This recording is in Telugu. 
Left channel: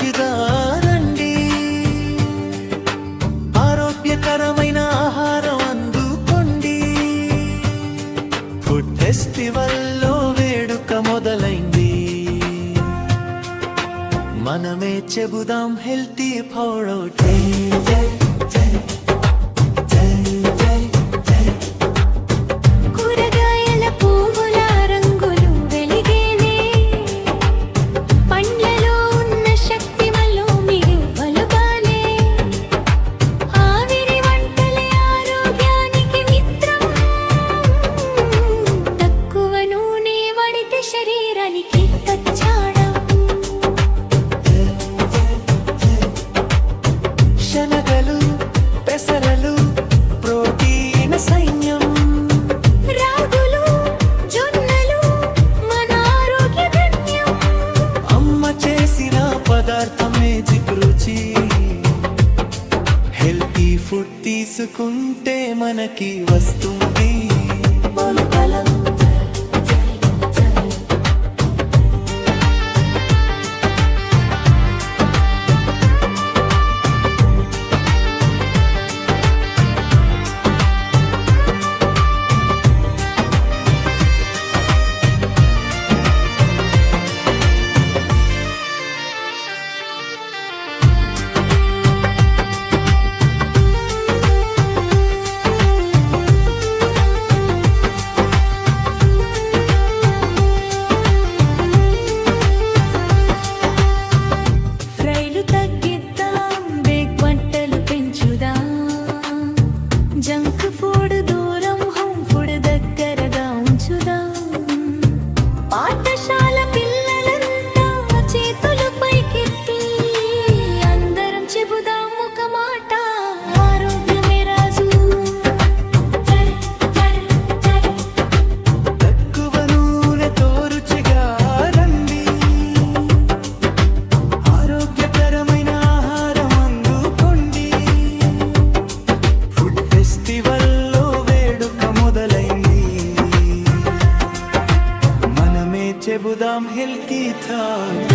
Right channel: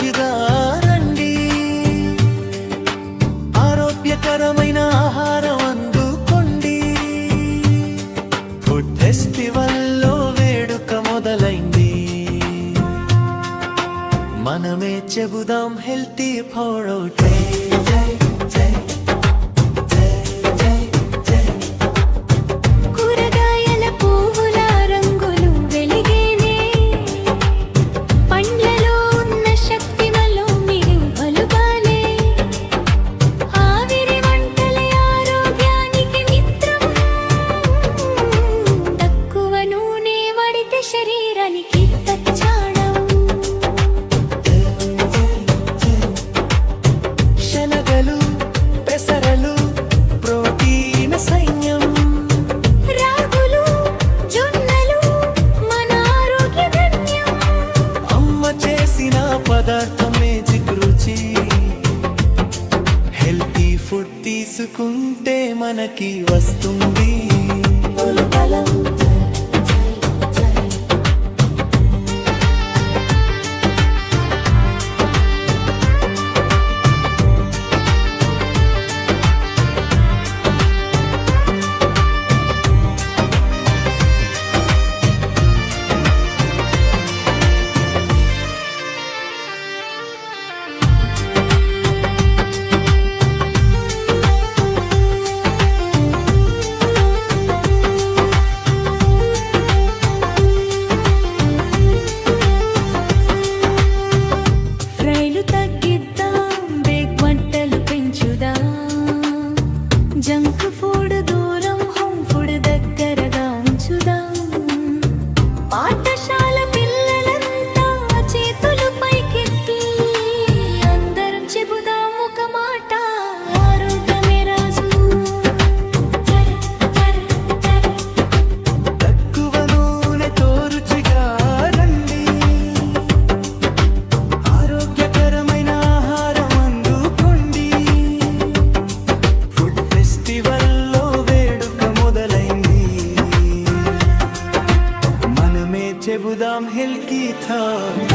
రుచిగా రండి, ఆరోగ్యకరమైన ఆహారం అందుకోండి. ఫుడ్ ఫెస్టివల్లో వేడుక మొదలైంది, మనమే చెబుదాం హెల్తీ ఫుడ్. కూరగాయల పువ్వుల రంగులు వెలిగేనే, పండ్లలో ఉన్న శక్తి వల్ల మీరు బలుపాలే. ఆవిరి వంటలే ఆరోగ్యానికి మిత్రం, తక్కువ నూనె వాడితే శరీరానికి తచ్చాడం. శనగలు పెసరలు ప్రోటీన్ సైన్యం, రాగులు జొన్నలు మన ఆరోగ్య ధన్యం. అమ్మ చేసిన పదార్థం మేజిక్ రుచి, హెల్తీ ఫుడ్ తీసుకుంటే మనకి వస్తుంది బలం. తగ్గిద్దాం, బేక్ వంటలు పెంచుదాం, జంక్ ఫుడ్ దూరం, హోమ్ ఫుడ్ దగ్గరగా ఉంచుదాం. పాఠశాల పిల్లలంతా చేతులు పైకెత్తి అందరం చెబుదాం ఒక మాట, ఆరోగ్యమే రాజు. తక్కువ నూనెతో రుచిగా రండి, ఆరోగ్యకరమైన ఆహారం అందుకోండి. ఫుడ్ ఫెస్టివల్లో వేడుక మొదలైంది, మనమే చెబుదాం హెల్తీ థాట్.